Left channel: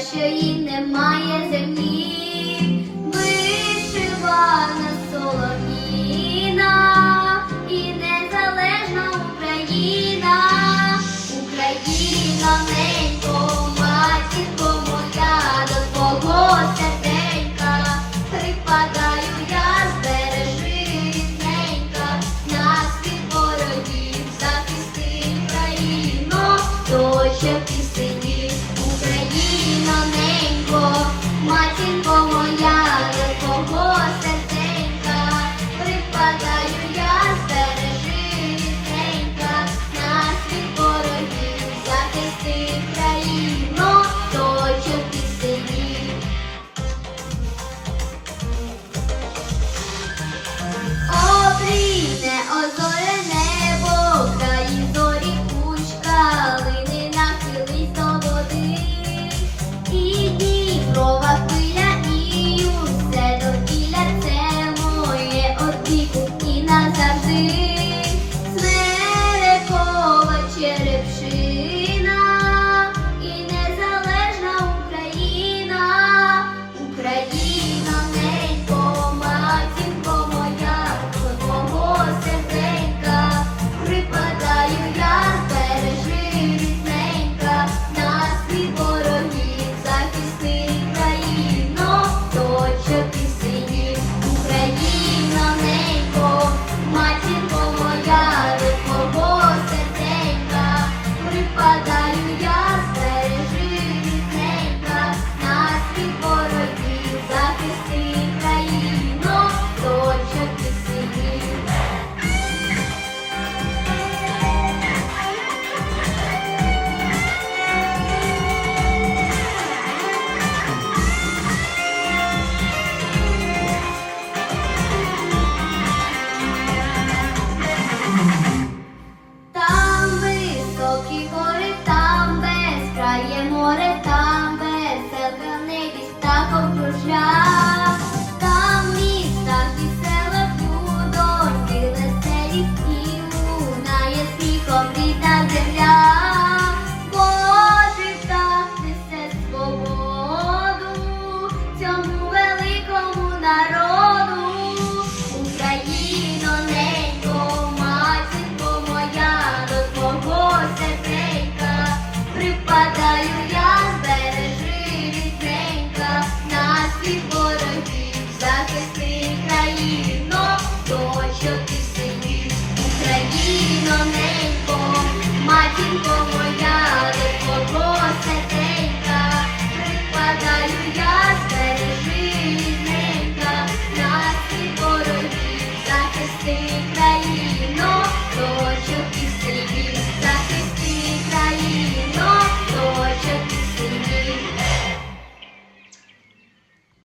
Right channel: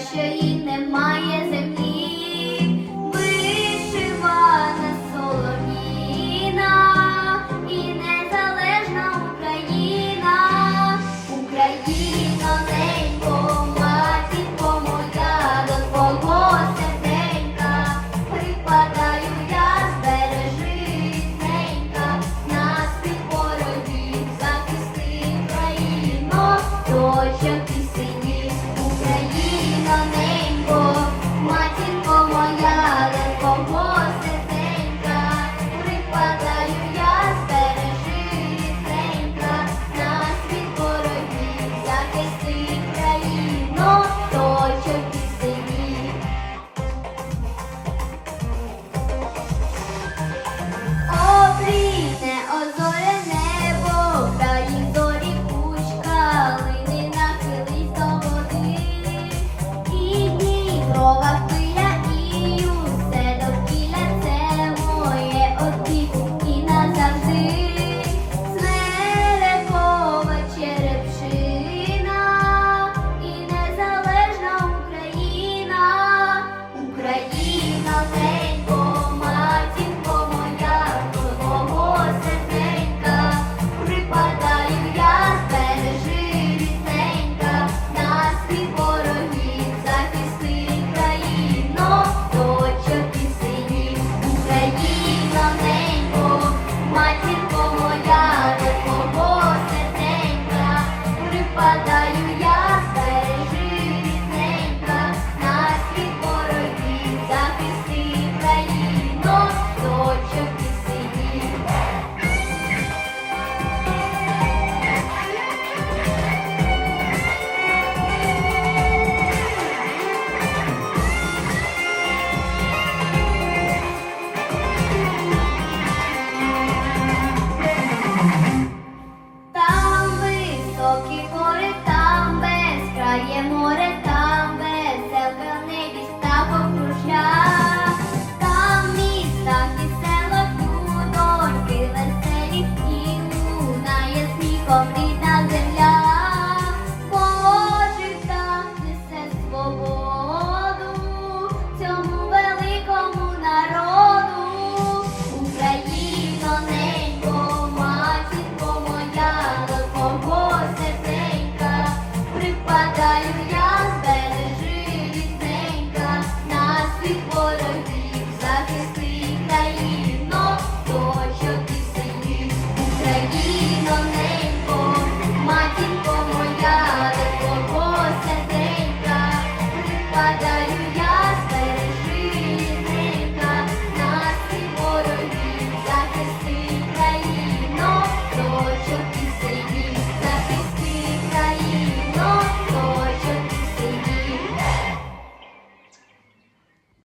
що їй немає землі, вишивана солов'їна і незалежна Україна, Україна ненько, матінко моя, до твого серденька, припадаю я збережи нас від ворогів захисти країну, то see